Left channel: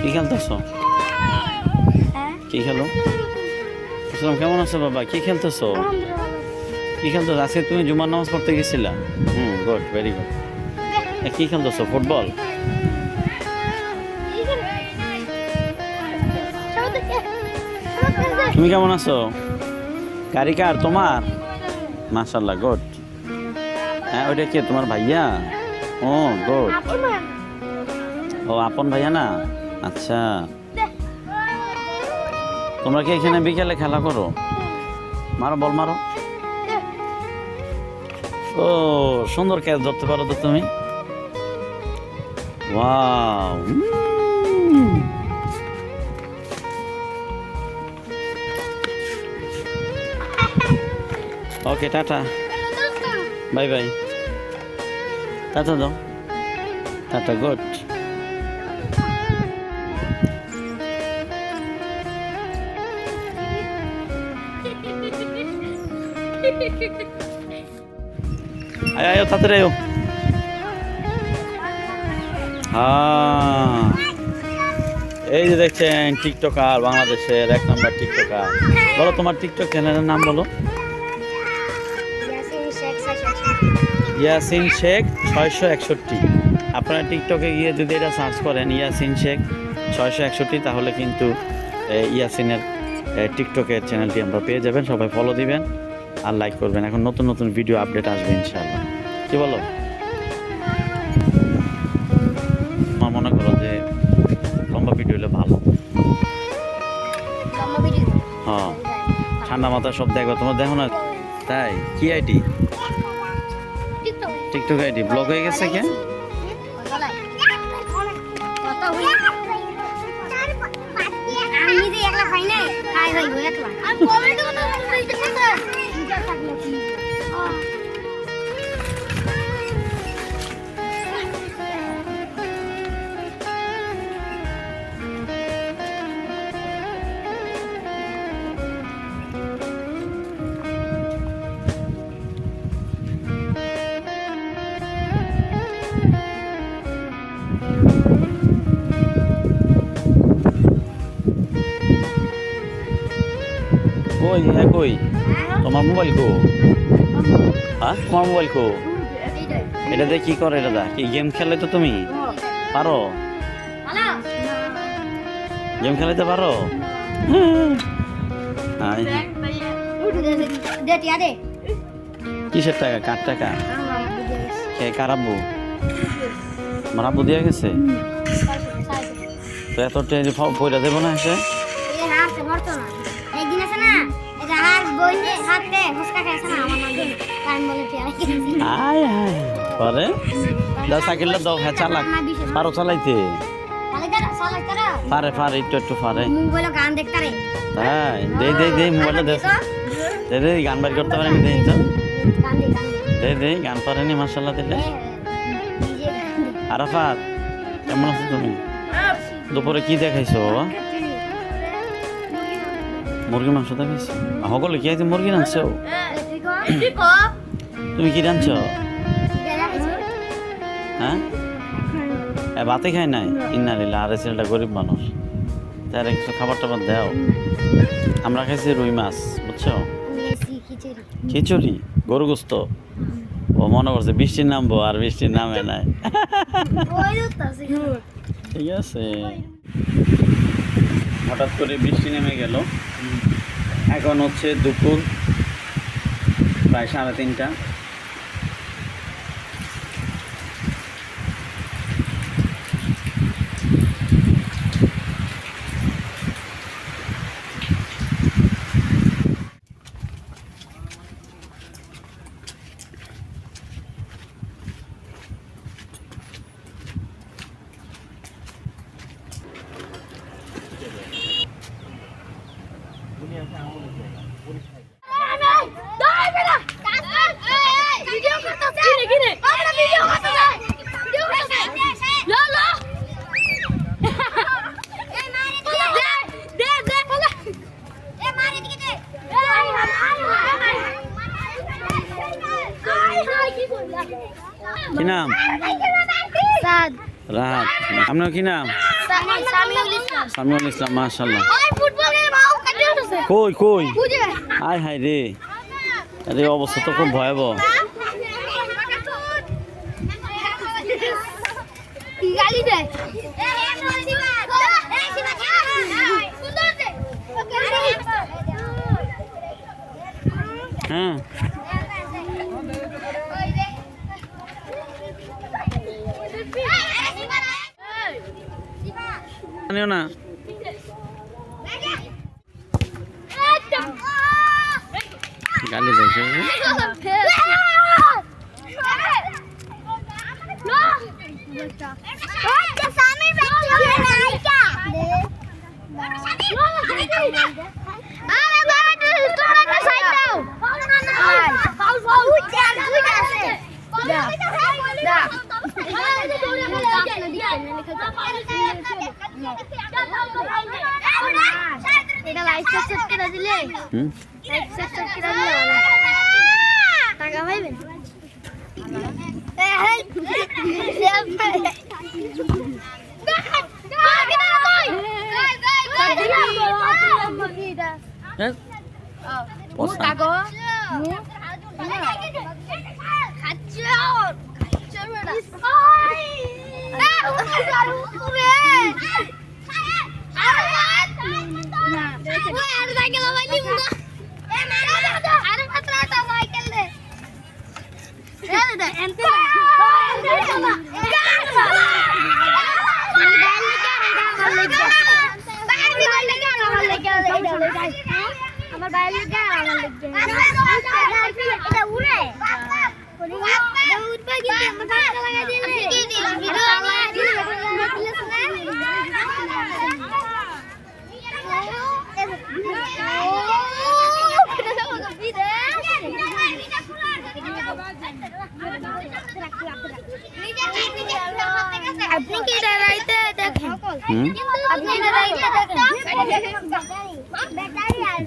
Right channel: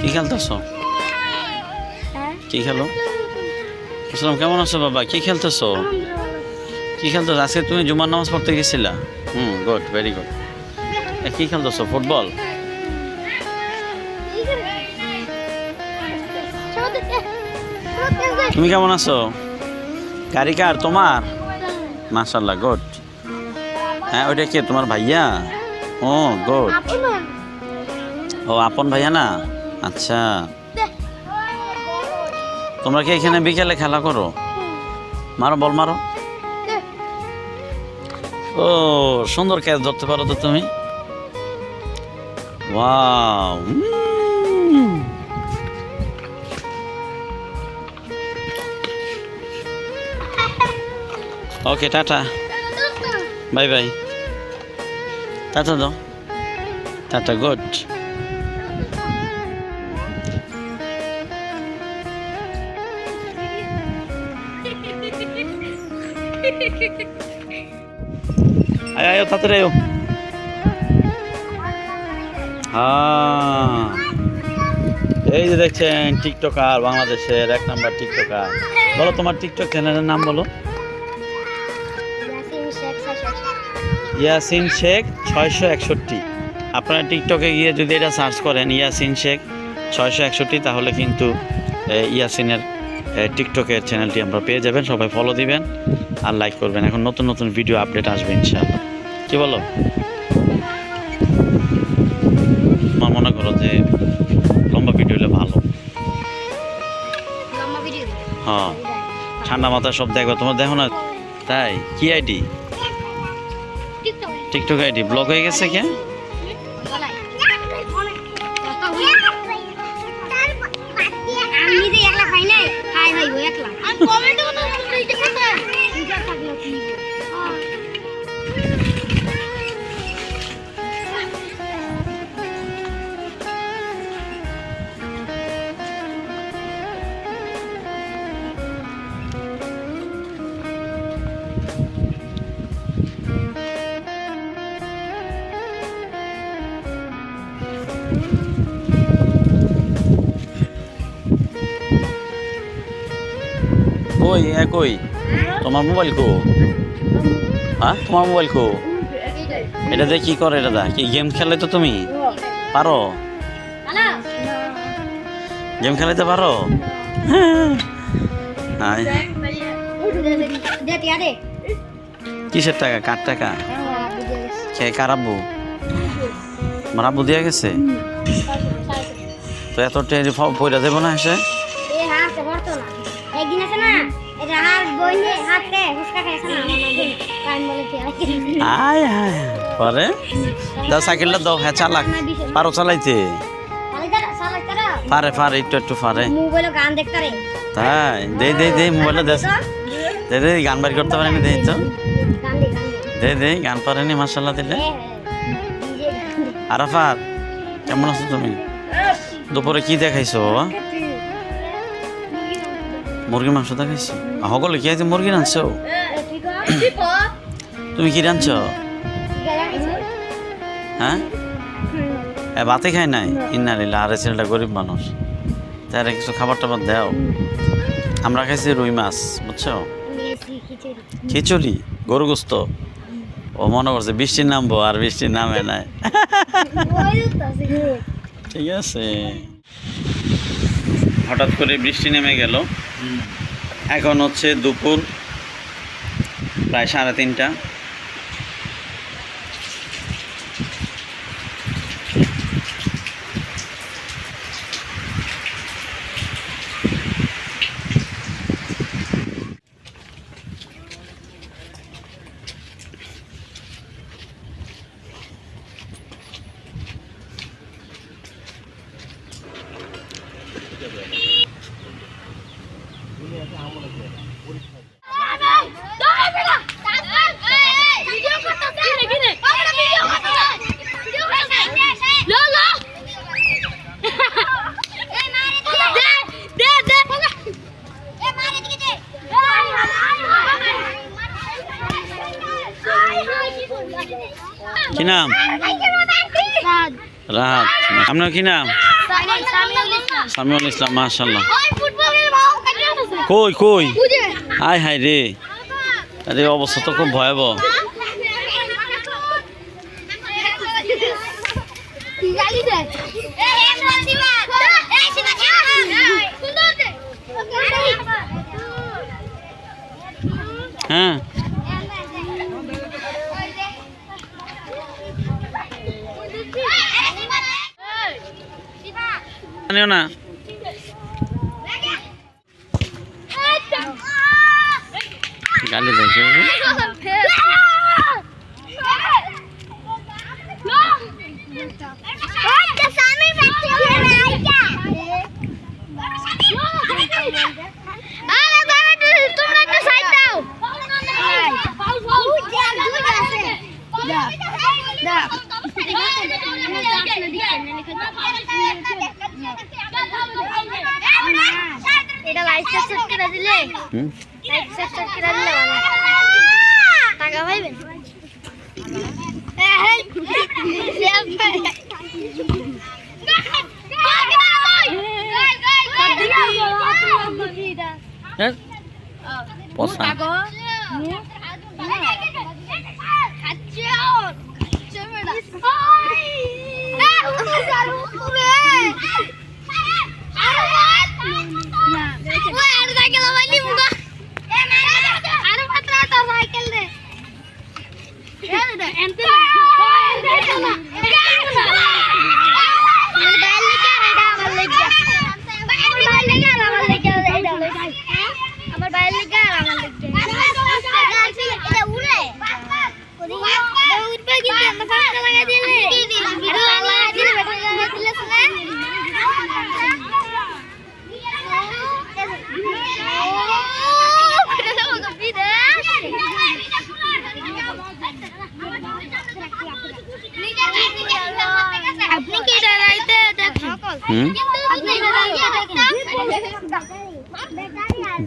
কি খেলতেছো? কি খেলো? আসসালাম, কেমন আছো বাবা? কি খেলতেছো? কি খেলতেছো? আজকে তুমি জুমার নামাজ পড়তে গেছিলা? Good, very good. কি খেলতেছো? ফুটবল? তুমি কেমন আছো? গাড়ি কার তোমার? মাশাআল্লাহ, গুড। হ্যাঁ, ওইটা কে তোমার ভাইয়া? ও গুড। ও আপন ভাইয়া না? আচ্ছা, তোমরা কি এখানে বিকেলে খেলা করো? মারো, বল মারো। ও সুন্দর ক্যাচ ধরতে পারো তো তুমি। ওয়াও। ওকে, টাটা, বাই বাই। টাটা দাও, টাটা, গুড। আয় তাড়াতাড়ি আয়। হ্যাঁ, এই যে দেখছেন টিকটকার, বাংলাদেশের 1 নম্বর টিকটকার। বলো তোমার টিকটক চ্যানেলের নাম বলো। ইয়াসিন শেখ 661। আপনারা টিকটকে গিয়ে যদি এটা সার্চ করেন ইয়াসিন শেখ 661, তাহলে কিন্তু ইয়াসিনের টিকটকের চ্যানেলটি আমরা পেয়ে যাবেন। সবাই ফলো দিবেন আর লাইক করবেন। এখন নতুন নতুন ভিডিও আপডেট আসবে ইনশাআল্লাহ। কি বলো? আমার মনে করো যে লম্বা ভিডিও হলে ভালো। হ্যাঁ, ঠান্ডা মাথায় সব দেখো, তোমার দেখো না? তাই কি আইডি? টিকটক আইডি ব্লক হয়ে গেছে কে? কই কই তোমার মোবাইল কো? হ্যাঁ, তোমার মোবাইল কো? এটা দিয়ে কি করে? এটা দা কি গেম খেলে? তো তুমি পারো গেম খেলাইতে পারো? কিসের টাকা? কার টাকা? কে? কার আব্বু? আমার আব্বু দিয়ে গেছে? তো এত টেরি পয়সা দেবো না এসে? আয় আয় পরে দাও সাইকেলটা দাও। হ্যাঁ, চালাক পারো চালাইতে? পারে পারে, একটু একটু পারে। তাই দে দে দে মোবাইলটা দে, দে দে। গান বাড়ি করতে পারেনি? দেই তো, দে দে। গান পারেনি মাশাআল্লাহ দিলে। আরাফাত, কেমন আছো তুমি? দুপুরে কি দেখাইছো বাবা? মুরগির মাংস দেখাইছো? সকলে কি আজ মুরগি রাঁধছো? তুমি কি রাঁধছো? হ্যাঁ, ভাতে খাই নাই? ইন্নালিল্লাহ। আরে ছেলেটা গরিব মানুষ, তার কিছু খাবার টাবার দাও। আমরা খাইছি রুই মাছ, বুঝছো? খিচুড়ি, গরু গোস্ত। ও মনে করছে বৃষ্টি নামবো, আর বৃষ্টি নামে নাই। ঠিক আছে, হঠাৎ করে বৃষ্টি নেমে গেল। এখন হচ্ছে দুপুর প্রায় 3:30। কি নাম? রাহাত। আপনার কি নাম? সামিউল ইসলাম মাশাআল্লাহ। কই কই হাই হাই রে, আরে অবস্থা তো খুব ভয়াবহ। হ্যাঁ জানিও না গালি দেয় কেউ? এটা লাইক সাবস্ক্রাইব করে দিলে লাইক সাবস্ক্রাইব করে দিলে টাকা পাইবেন।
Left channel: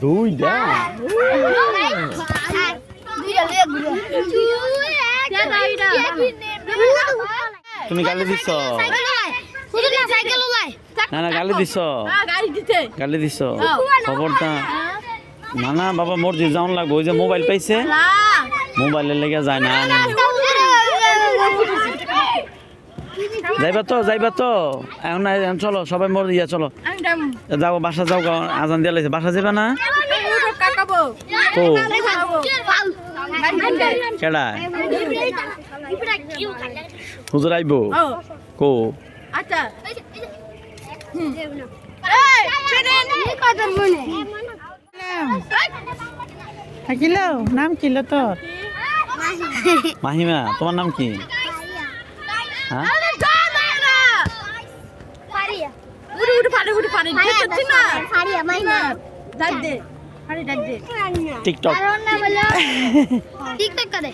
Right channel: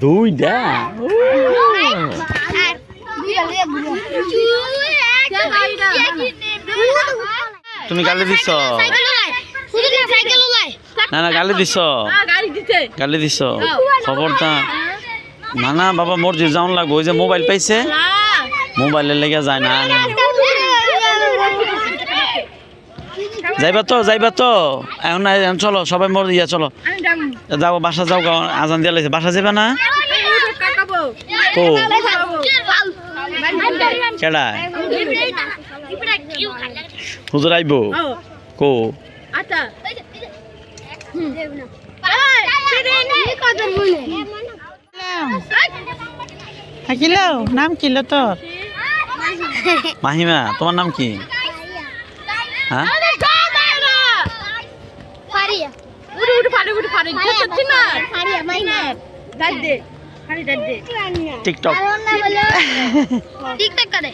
দুইটা তুমি গালি দিছ না? না গালি দিছ, গালি দিছ খবরটা না। না বাবা মসজিদ যাওয়ান লাগবে, ওই যে মোবাইল পাইছে মোবাইলের লেগে যায় না। যাইবা তো যাইবা তো এখন চলো সবাই মোর ইয়া চলো যাও বাসা যাও, আজান দিয়া লাইছে বাসা যাবা না? কো কেডা হুজুর আইবো কো? থাকিলো নাম কিল তোর? মাহিমা তোমার নাম কি? হ্যাঁ টিকটক টিকটক করে